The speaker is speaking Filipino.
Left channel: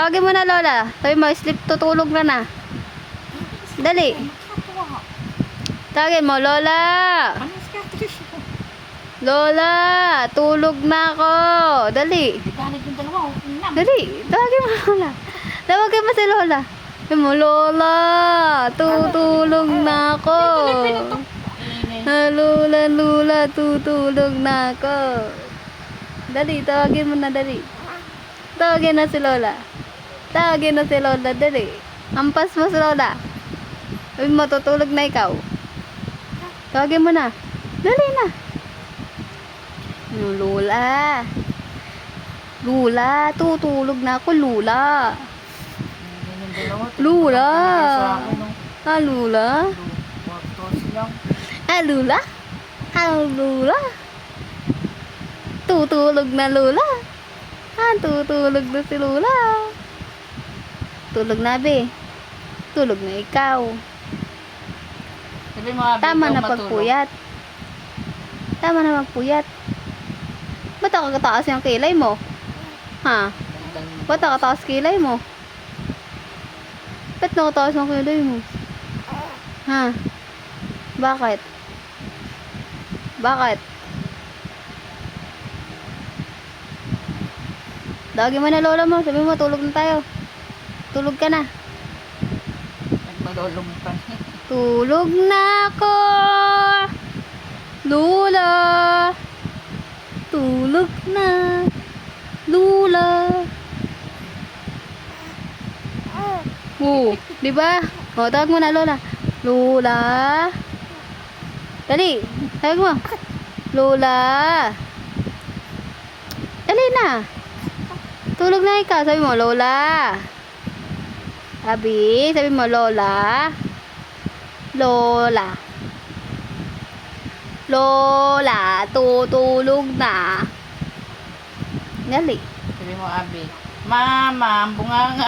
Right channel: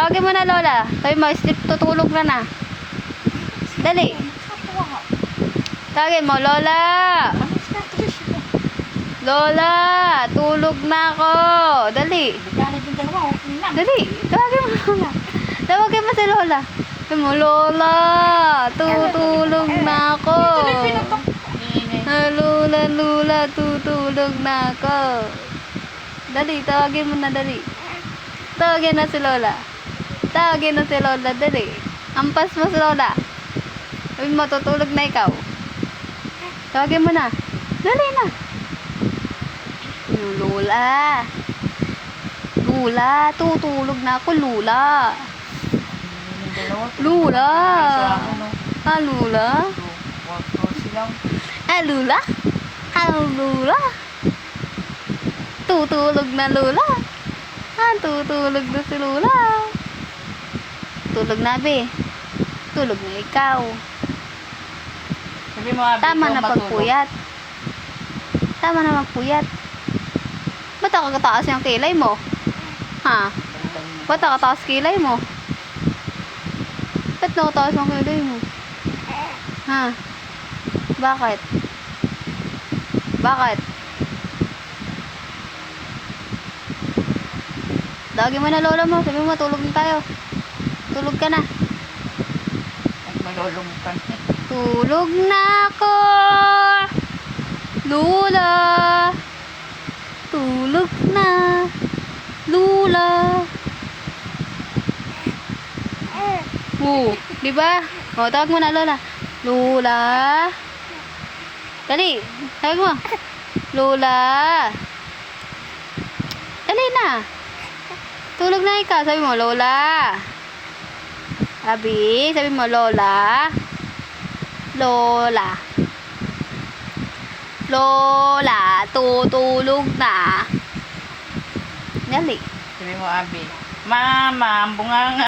Tawagin mo na, Lola. Sabi mo, sleep, tutulog na na. Dali. Tawagin mo, Lola. Lola, tulog na ako. Dali. Dali. Tawagin mo, Lola. Tawagin mo si Lola. Tawagin mo, Lola. Tutulog na ako. Lola, Lola, tutulog na ako. Dali, tawagin mo na, dali. Tawagin na si Lola. Tawagin na si Lola, dali. Ampas mo si Lola. Uy, matutulog na ikaw. Tawagin mo na. Dali na. Lola. Lola, tutulog na ako, Lola. Lola. Ah, Lola. Ah, Lola. Ah, Lola. Tutulog na, Lola. Ah, tutulog na si Lola. Tulog na, be. Tulog na ikaw. Sabi mo, Abi, Tama ikaw na matulog. pagpuyat. Tama na magpuyat. Ba't nakakataas yung kilay mo? Ha? Ba't nakataas kilay mo? Ba't nakataas yung kilay mo? Ha? Bakit? Bakit? Tawagin mo na lola mo. Sabi mo, tulog na tayo. Tulog ka na. Nalulungkan. Tulog na ako. Lola. Tulog na. Lola. Oo, di ba? O, tawag mo na Lola. Lola. Dali, tawag mo. Lola. Dali na. Tulog na ikaw. Sabi mo, Lola. Abi, sabi mo, Lola. Lola. Lola, tutulog na. Dali. Sabi mo, Abi, Mama, ang bunganga.